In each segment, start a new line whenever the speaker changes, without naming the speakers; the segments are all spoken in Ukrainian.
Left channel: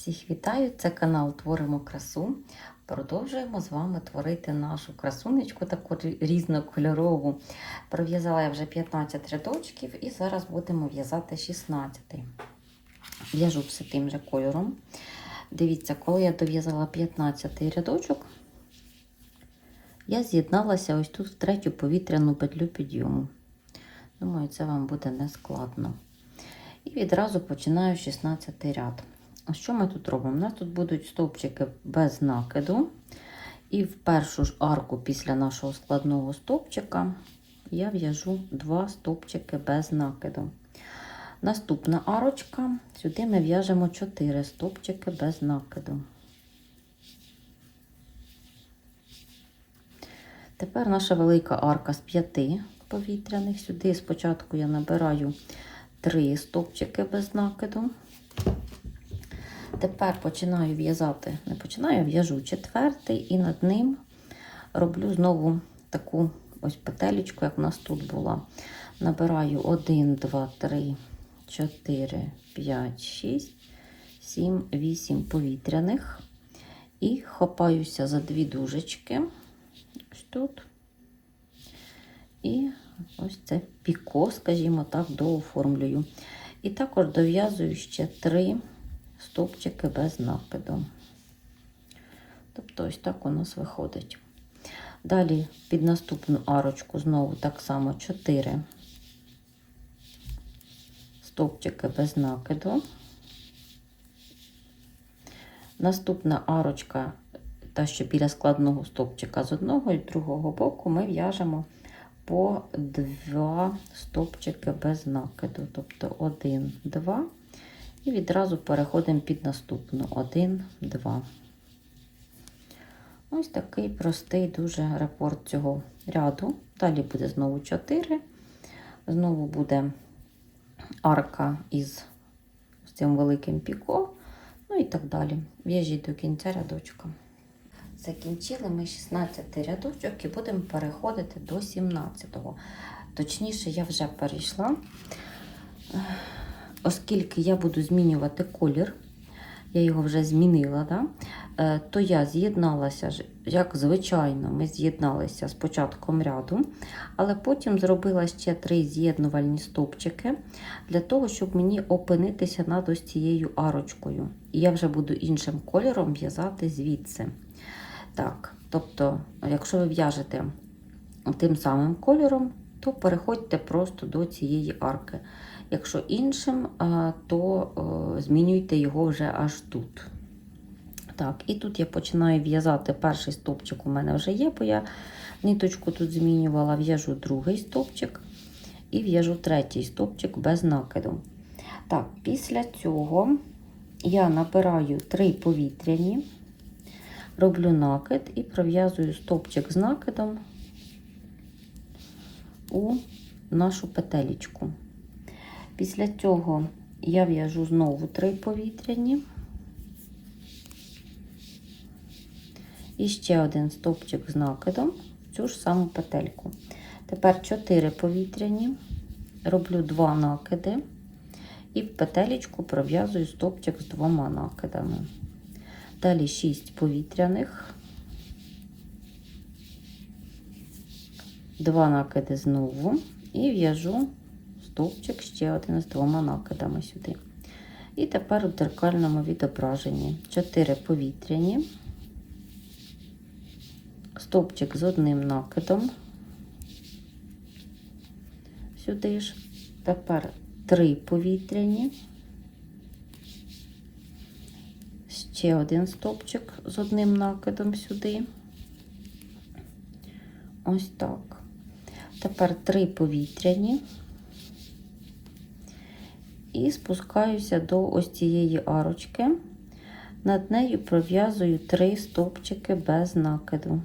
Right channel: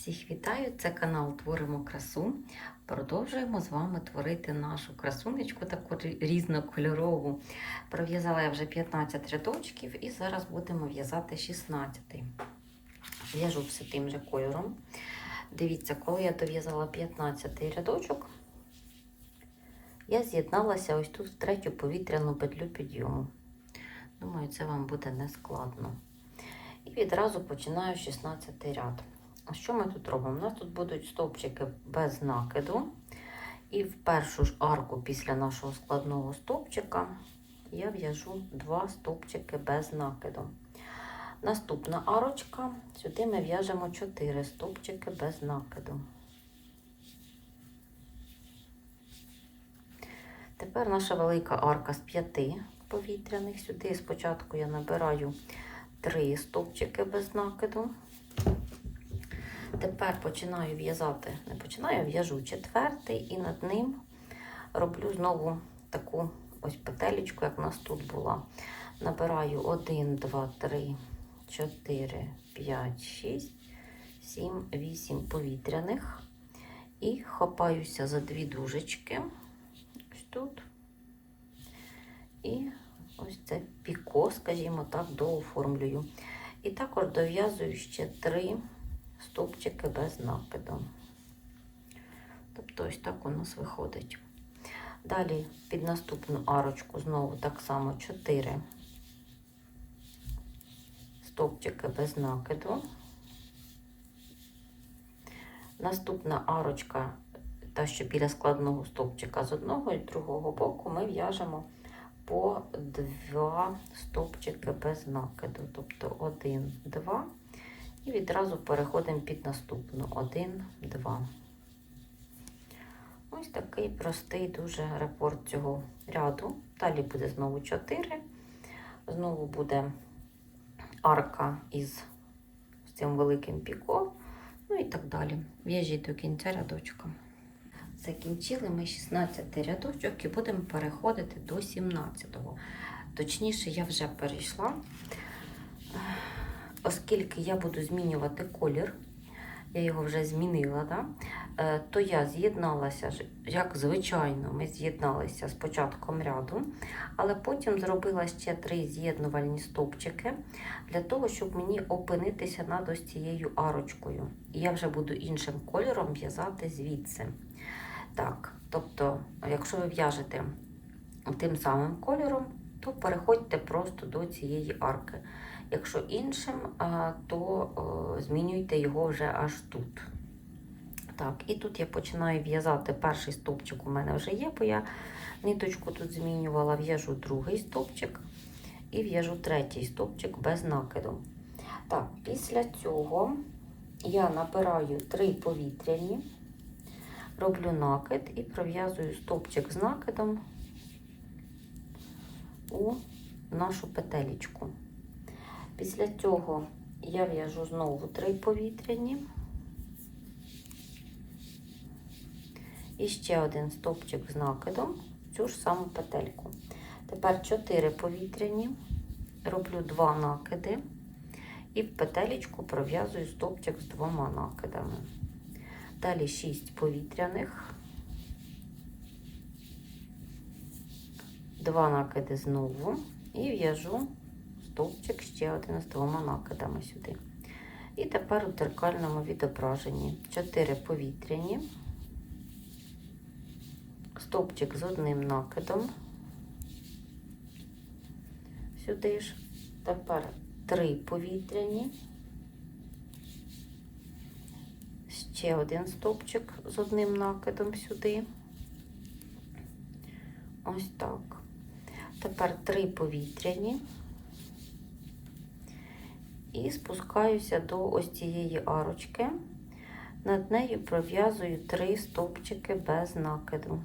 Всіх вітаю! Це канал Творимо красу. Продовжуємо з вами творити нашу красунечку, таку різнокольорову. Пров'язала я вже 15 рядочків і зараз будемо в'язати 16. В'яжу все тим же кольором. Дивіться, коли я дов'язала 15 рядочок, я з'єдналася ось тут в третю повітряну петлю підйому. Думаю, це вам буде не складно. І відразу починаю 16 ряд. Що ми тут робимо? У нас тут будуть стовпчики без накиду. І в першу ж арку після нашого складного стовпчика я в'яжу два стовпчики без накиду. Наступна арочка, сюди ми в'яжемо 4 стовпчики без накиду. Тепер наша велика арка з 5 повітряних. Сюди спочатку я набираю 3 стовпчики без накиду. Тепер починаю в'язати, не починаю, в'яжу четвертий і над ним роблю знову таку ось петелечку, як у нас тут була. Набираю 1, 2, 3, 4, 5, 6, 7, 8 повітряних. І хапаюся за дві дужечки. Ось тут. І ось це піко, скажімо так, дооформлюю. І також дов'язую ще три стовпчики без накиду. Тобто ось так у нас виходить. Далі під наступну арочку знову так само 4 стовпчики без накиду. Наступна арочка, та що біля складного стовпчика з одного і другого боку, ми в'яжемо по два стовпчики без накиду. Тобто 1, 2. І відразу переходимо під наступну 1, 2. Ось такий простий дуже репорт цього ряду. Далі буде знову 4. Знову буде арка із цим великим піко. Ну і так далі. В'яжіть до кінця рядочка. Закінчили ми 16 рядочок і будемо переходити до 17-го. Точніше, я вже перейшла оскільки я буду змінювати колір, я його вже змінила, да? е, то я з'єдналася, як звичайно, ми з'єдналися з початком ряду, але потім зробила ще три з'єднувальні стовпчики для того, щоб мені опинитися над ось цією арочкою. І я вже буду іншим кольором в'язати звідси. Так, тобто, якщо ви в'яжете тим самим кольором, то переходьте просто до цієї арки. Якщо іншим, то змінюйте його вже аж тут. Так, і тут я починаю в'язати перший стовпчик у мене вже є, бо я ниточку тут змінювала, в'яжу другий стовпчик і в'яжу третій стовпчик без накиду. Так, після цього я набираю три повітряні, роблю накид і пров'язую стовпчик з накидом у нашу петелечку. Після цього я в'яжу знову три повітряні. І ще один стовпчик з накидом в цю ж саму петельку. Тепер 4 повітряні, роблю 2 накиди і в петелечку пров'язую стовпчик з двома накидами. Далі 6 повітряних, 2 накиди знову і в'яжу стовпчик ще один з двома накидами сюди. І тепер у дзеркальному відображенні 4 повітряні, стовпчик з одним накидом, сюди ж, тепер 3 повітряні, ще один стовпчик з одним накидом сюди. Ось так. Тепер 3 повітряні і спускаюся до ось цієї арочки. Над нею пров'язую три стовпчики без накиду.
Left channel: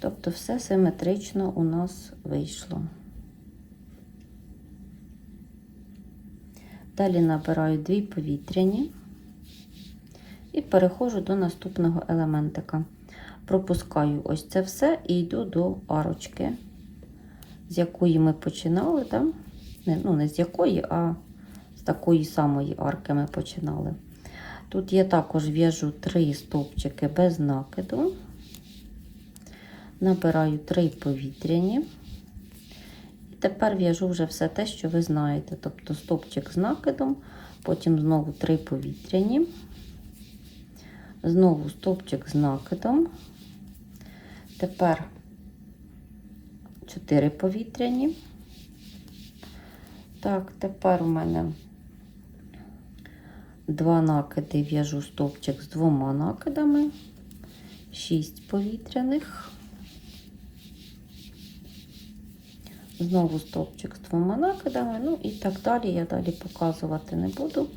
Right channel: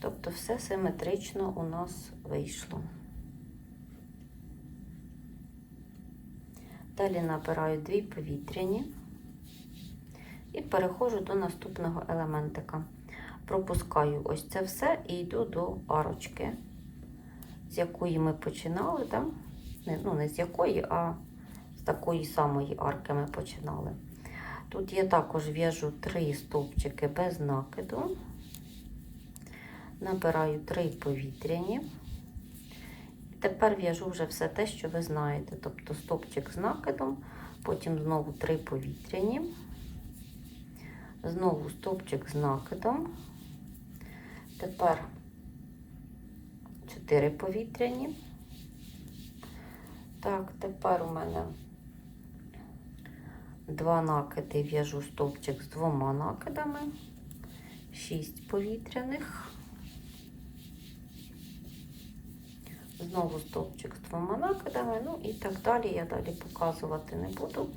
Тобто все симетрично у нас вийшло. Далі набираю дві повітряні і переходжу до наступного елементика. Пропускаю ось це все і йду до арочки з якої ми починали, да? не, ну не з якої, а з такої самої арки ми починали. Тут я також в'яжу 3 стовпчики без накиду, набираю 3 повітряні. І тепер в'яжу вже все те, що ви знаєте. Тобто стовпчик з накидом, потім знову 3 повітряні, знову стовпчик з накидом. Тепер 4 повітряні. Так, тепер у мене два накиди, в'яжу стовпчик з двома накидами, 6 повітряних. Знову стовпчик з двома накидами, ну і так далі. Я далі показувати не буду,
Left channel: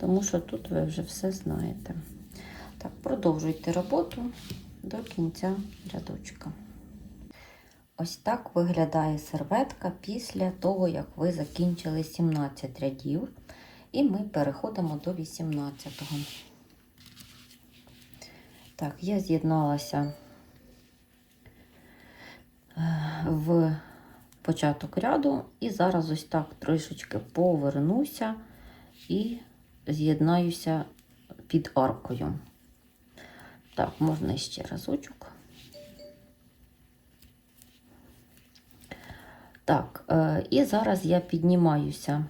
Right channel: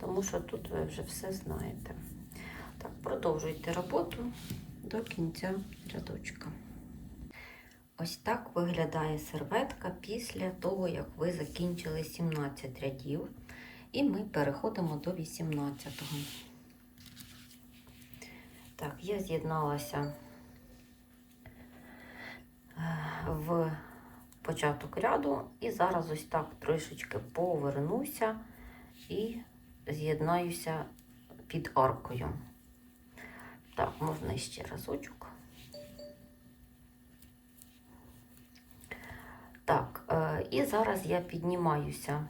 тому що тут ви вже все знаєте. Так, продовжуйте роботу до кінця рядочка. Ось так виглядає серветка після того, як ви закінчили 17 рядів. І ми переходимо до 18-го. Так, я з'єдналася в початок ряду, і зараз ось так трішечки повернуся і з'єднаюся під аркою. Так, можна ще разочок. І зараз я піднімаюся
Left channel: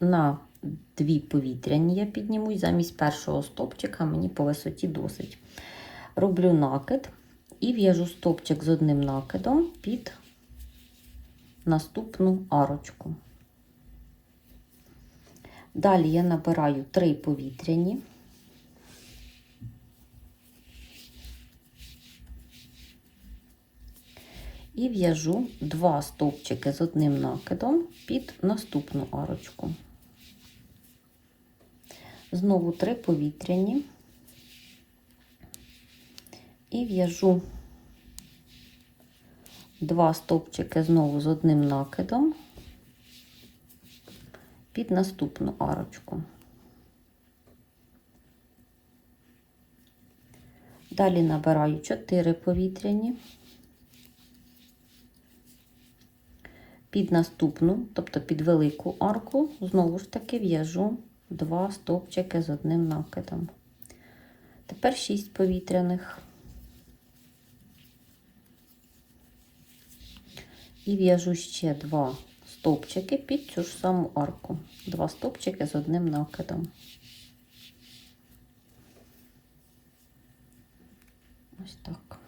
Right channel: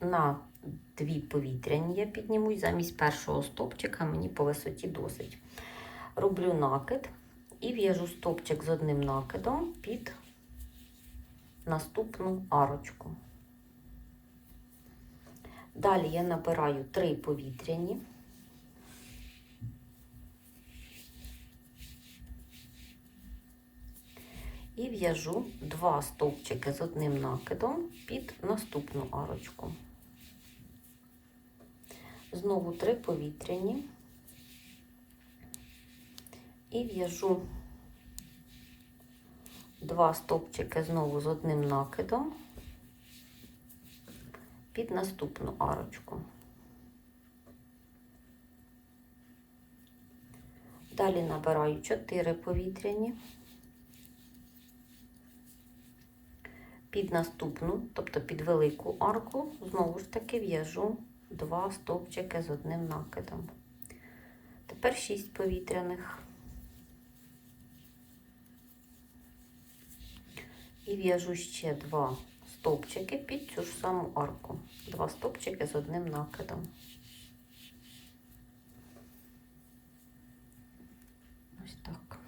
на дві повітряні, я піднімусь замість першого стопчика, мені по висоті досить. Роблю накид і в'яжу стопчик з одним накидом під наступну арочку. Далі я набираю три повітряні. І в'яжу два стовпчики з одним накидом під наступну арочку. Знову три повітряні і в'яжу два стовпчики знову з одним накидом під наступну арочку. Далі набираю 4 повітряні. Під наступну, тобто під велику арку, знову ж таки в'яжу два стовпчики з одним накидом. Тепер 6 повітряних. І в'яжу ще два стовпчики під цю ж саму арку. Два стовпчики з одним накидом. Ось так.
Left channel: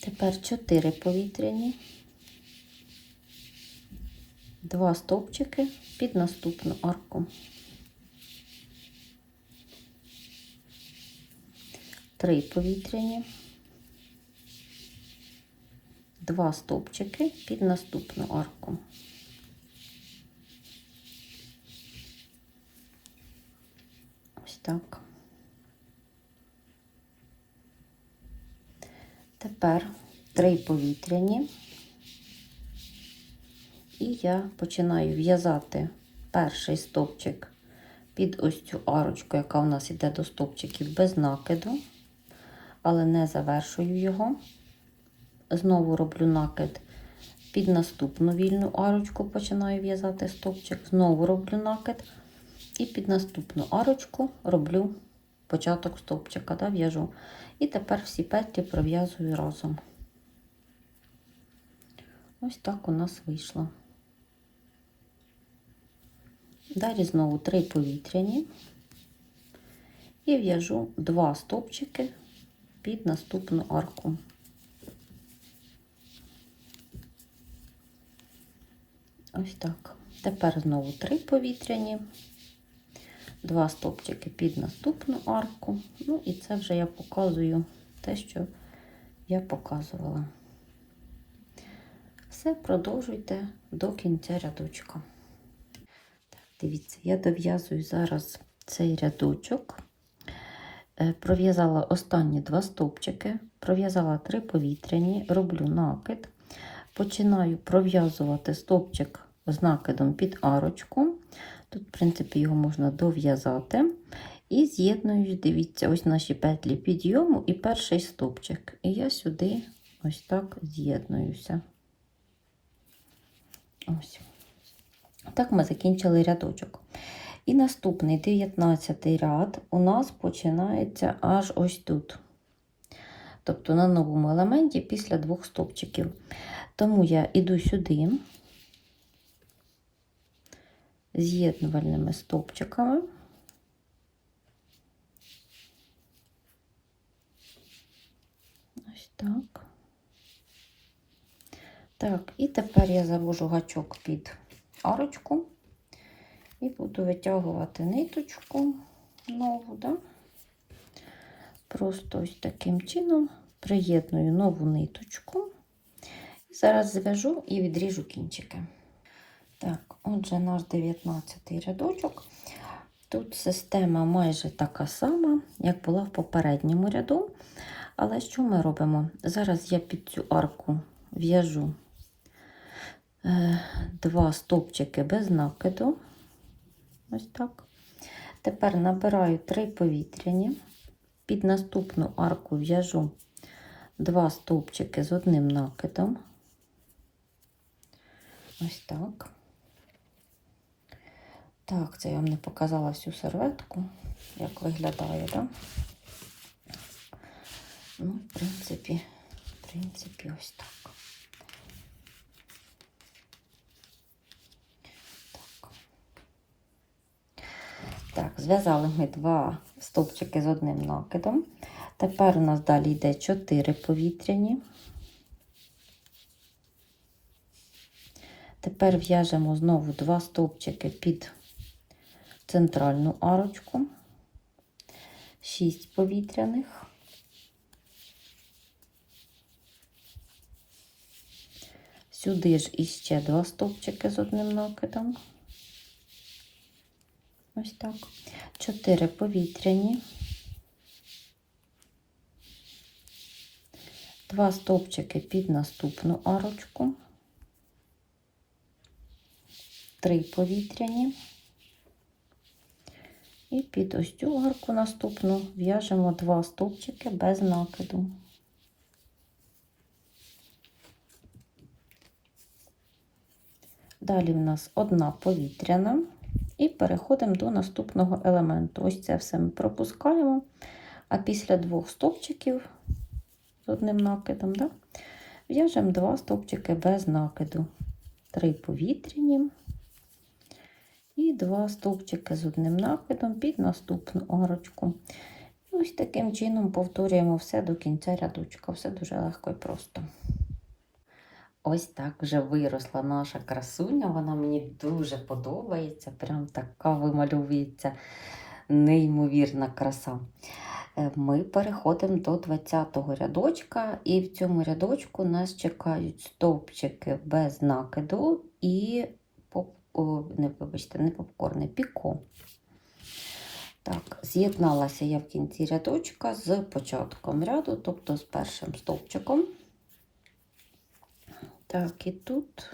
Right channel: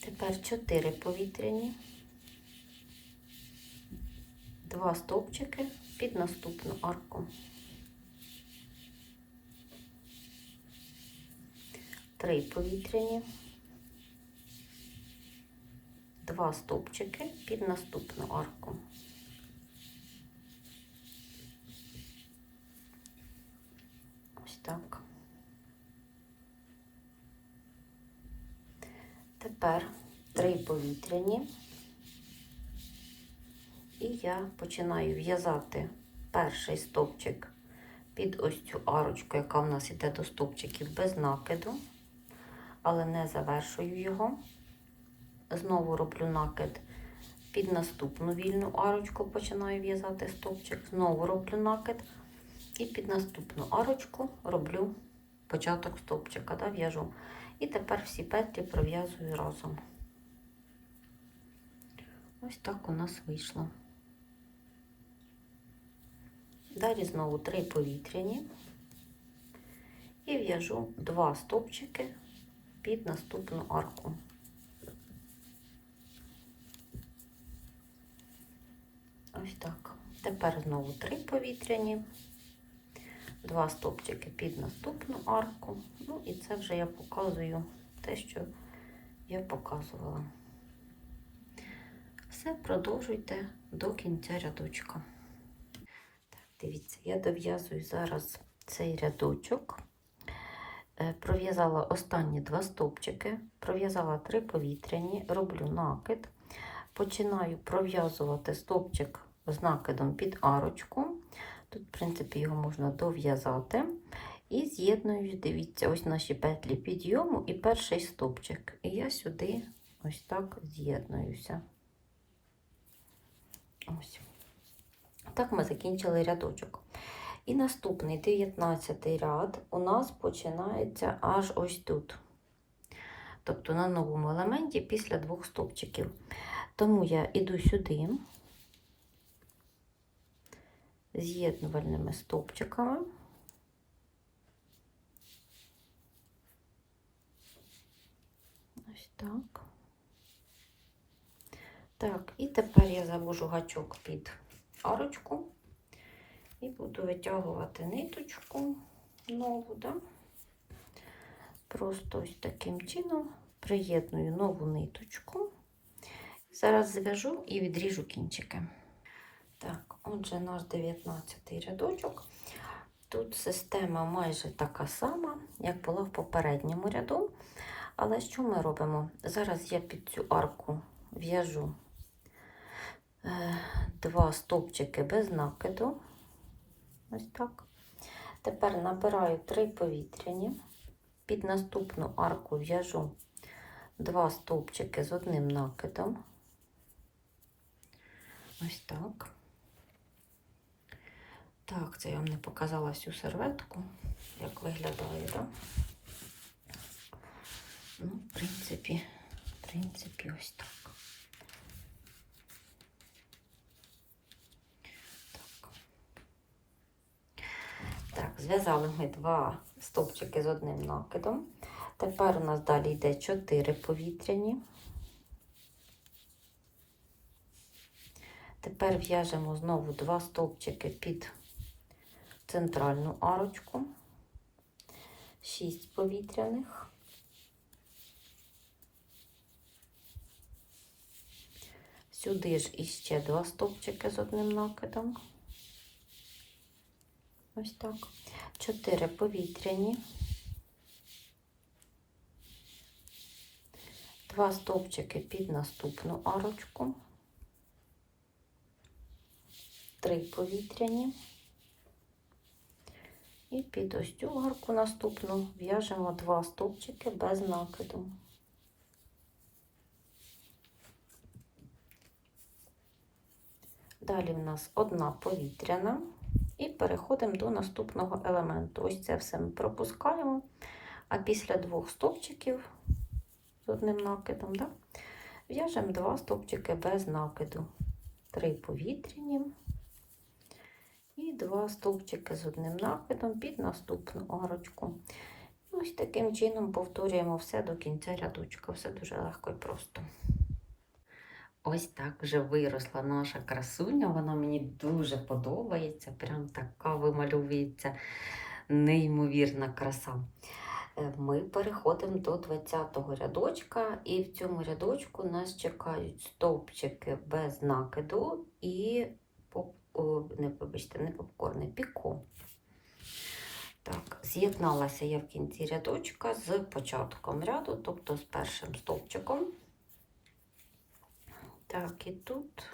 Тепер 4 повітряні. Два стовпчики під наступну арку. Три повітряні, два стовпчики під наступну арку. Ось так. Тепер три повітряні. І я починаю в'язати перший стовпчик під ось цю арочку, яка в нас йде до стовпчиків без накиду, але не завершую його. Знову роблю накид під наступну вільну арочку, починаю в'язати стовпчик, знову роблю накид, і під наступну арочку роблю початок стовпчика, да, в'яжу. І тепер всі петлі пров'язую разом. Ось так у нас вийшло. Далі знову три повітряні і в'яжу два стовпчики під наступну арку. Ось так. Тепер знову три повітряні, два стовпчики під наступну арку. Ну і це вже я показую те, що я показувала. Все, продовжуйте до кінця рядочка. Дивіться, я дов'язую зараз цей рядочок, Е, пров'язала останні два стовпчики, пров'язала три повітряні, роблю накид, починаю пров'язувати стовпчик з накидом під арочку. Тут, в принципі, його можна дов'язати. І з'єдную, дивіться, ось наші петлі підйому і перший стовпчик. І я сюди ось так з'єднуюся. Ось. Так ми закінчили рядочок. І наступний 19 ряд у нас починається аж ось тут. Тобто на новому елементі після двох стовпчиків. Тому я йду сюди з'єднувальними стовпчиками. Ось так. Так, і тепер я завожу гачок під арочку і буду витягувати ниточку нову, да? просто ось таким чином приєдную нову ниточку. Зараз зв'яжу і відріжу кінчики. Так, отже, наш 19 рядочок. Тут система майже така сама, як була в попередньому ряду. Але що ми робимо? Зараз я під цю арку в'яжу два стовпчики без накиду. Ось так. Тепер набираю три повітряні. Під наступну арку в'яжу два стовпчики з одним накидом. Ось так. Так, це я вам не показала всю серветку, як виглядає, да? Ну, в принципі, в принципі, ось. Так, так зв'язали ми два стовпчики з одним накидом. Тепер у нас далі йде 4 повітряні. Тепер в'яжемо знову два стовпчики під центральну арочку, 6 повітряних. Сюди ж іще два стовпчики з одним накидом. Ось так. 4 повітряні. Два стовпчики під наступну арочку. Три повітряні. І під ось цю арку наступну в'яжемо два стовпчики без накиду. Далі в нас одна повітряна, і переходимо до наступного елементу. Ось це все ми пропускаємо, а після двох стовпчиків з одним накидом, да, в'яжемо два стовпчики без накиду, три повітряні і два стовпчики з одним накидом під наступну арочку. Ось таким чином повторюємо все до кінця рядочка. Все дуже легко і просто. Ось так вже виросла наша красуня. Вона мені дуже подобається. Прям така вимальовується неймовірна краса. Е, Ми переходимо до 20-го рядочка, і в цьому рядочку нас чекають стовпчики без накиду і поп... О, не, вибачте, не попкорни, піко. Так, з'єдналася я в кінці рядочка з початком ряду, тобто з першим стовпчиком. Так, і тут,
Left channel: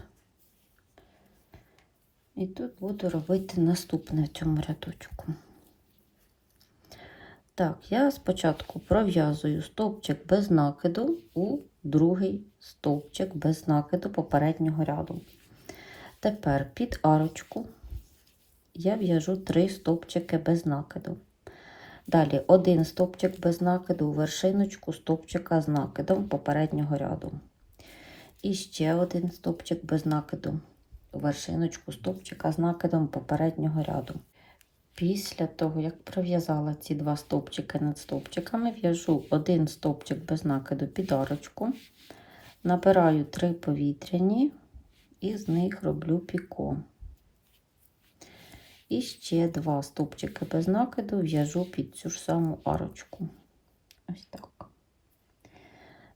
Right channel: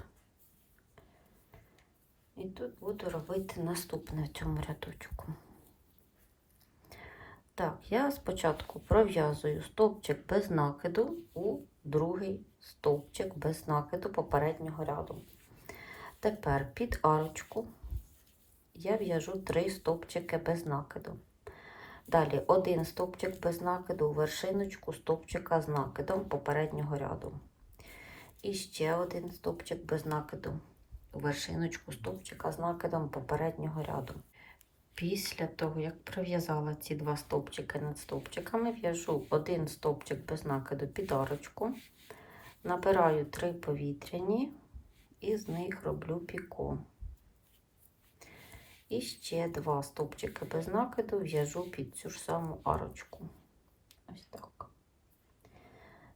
і тут буду робити наступне в цьому рядочку. Так, я спочатку пров'язую стовпчик без накиду у другий стовпчик без накиду попереднього ряду. Тепер під арочку я в'яжу три стовпчики без накиду. Далі один стовпчик без накиду у вершиночку стовпчика з накидом попереднього ряду. І ще один стовпчик без накиду вершиночку стовпчика з накидом попереднього ряду. Після того, як пров'язала ці два стовпчики над стовпчиками, в'яжу один стовпчик без накиду під арочку, набираю три повітряні і з них роблю піко. І ще два стовпчики без накиду в'яжу під цю ж саму арочку. Ось так.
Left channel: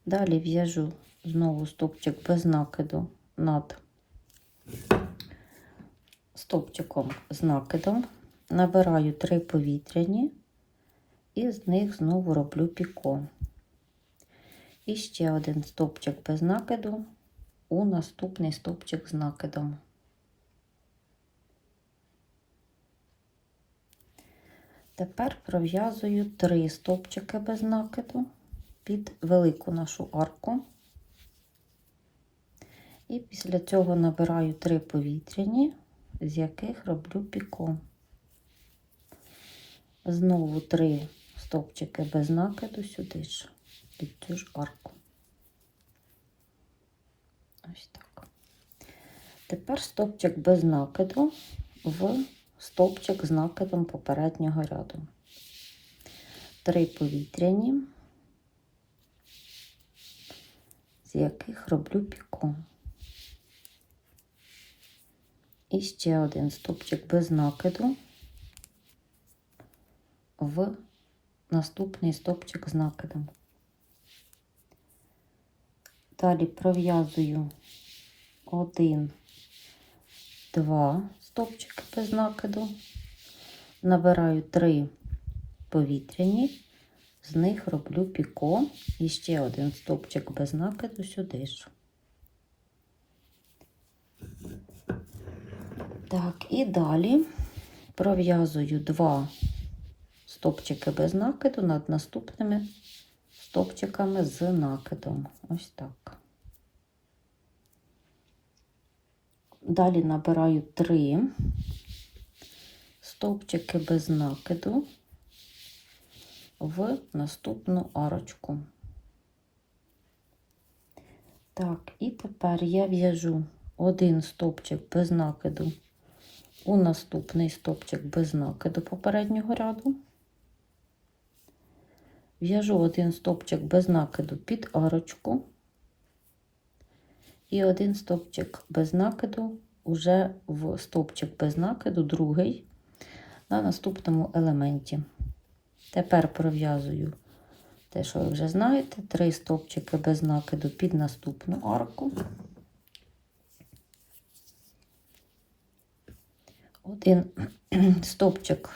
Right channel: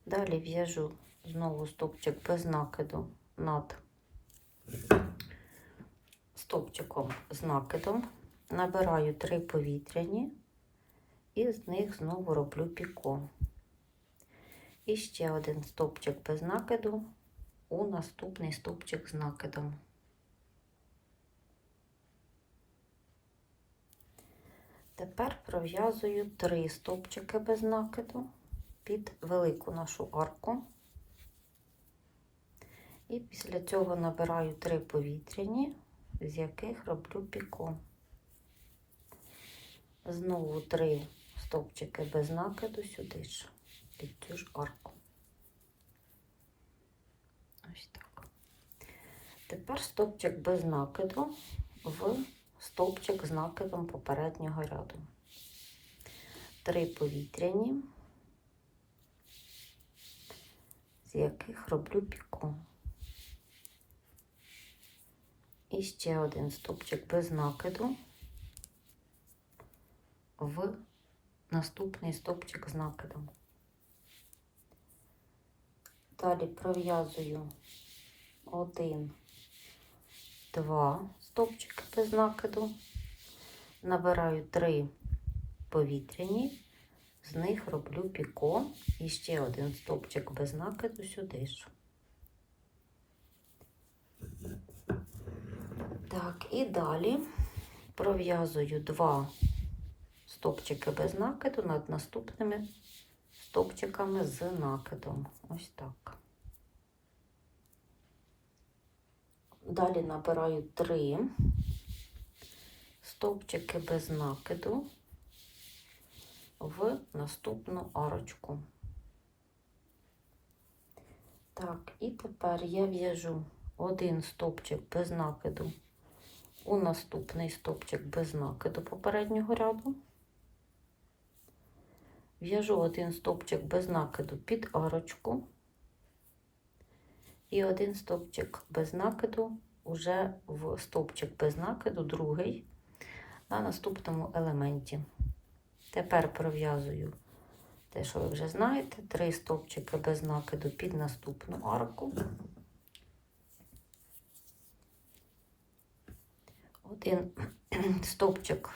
Далі в'яжу знову стовпчик без накиду над стовпчиком з накидом, набираю три повітряні і з них знову роблю піко. І ще один стовпчик без накиду у наступний стовпчик з накидом. Тепер пров'язую три стовпчики без накиду під велику нашу арку. І після цього набираю три повітряні з яких роблю піко. Знову три стовпчики без накиду сюди ж, під цю ж арку. Ось так. Тепер стовпчик без накиду в стовпчик з накидом попереднього ряду. Три повітряні, з яких роблю піко. І ще один стовпчик без накиду в наступний стовпчик з накидом. Далі пров'язую один, два стовпчики без накиду, набираю три повітряні, з них роблю піко і ще один стовпчик без накиду сюди ж. Так, і далі пров'язую два стовпчики без накиду над наступними стовпчиками з накидом. Ось так. Далі набираю три стовпчики без накиду в наступну арочку. Так, і тепер я в'яжу один стовпчик без накиду у наступний стовпчик без накиду попереднього ряду. В'яжу один стовпчик без накиду під арочку і один стовпчик без накиду уже в стовпчик без накиду, другий на наступному елементі. Тепер пров'язую те, що ви вже знаєте, три стовпчики без накиду під наступну арку. Один стовпчик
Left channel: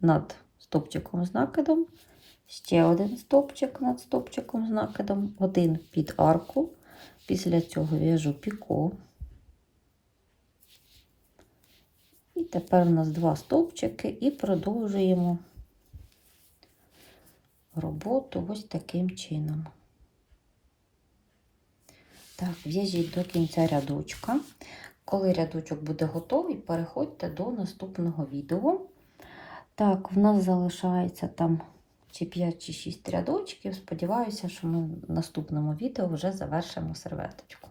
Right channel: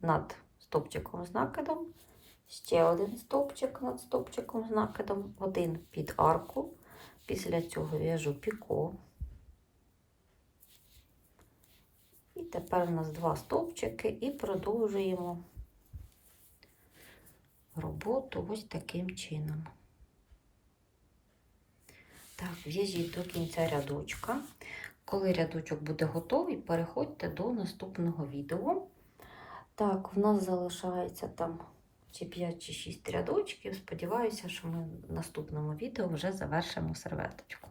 над стовпчиком з накидом, ще один стовпчик над стовпчиком з накидом, один під арку. Після цього в'яжу піко. І тепер у нас два стовпчики і продовжуємо роботу ось таким чином. Так, в'яжіть до кінця рядочка. Коли рядочок буде готовий, переходьте до наступного відео. Так, в нас залишається там чи 5 чи 6 рядочків. Сподіваюся, що ми в наступному відео вже завершимо серветочку.